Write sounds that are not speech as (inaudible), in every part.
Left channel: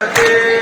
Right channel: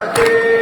Okay.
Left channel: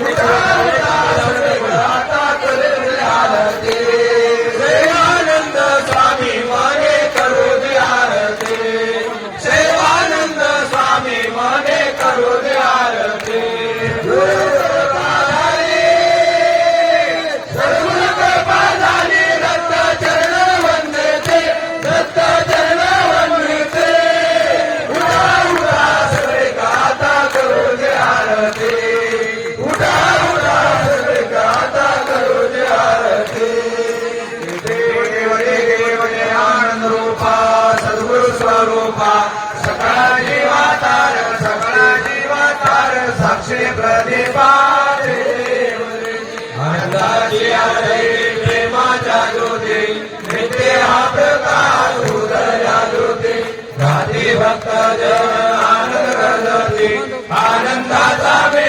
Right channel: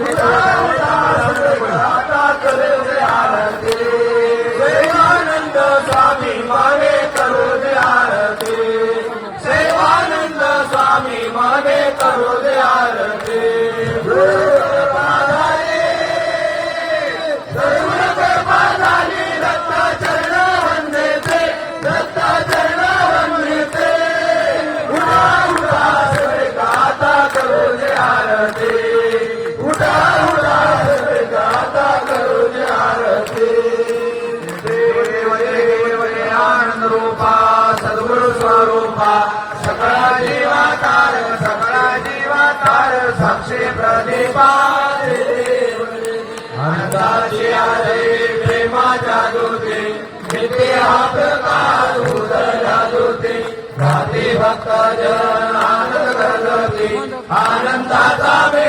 Yeah. (coughs) स्वरूप सकल जीवाचार सकल जीवाचार सबसे प्रतिपा जादू दी हाथ का उदर जादू दी भक्त जन आनंद आनंदा का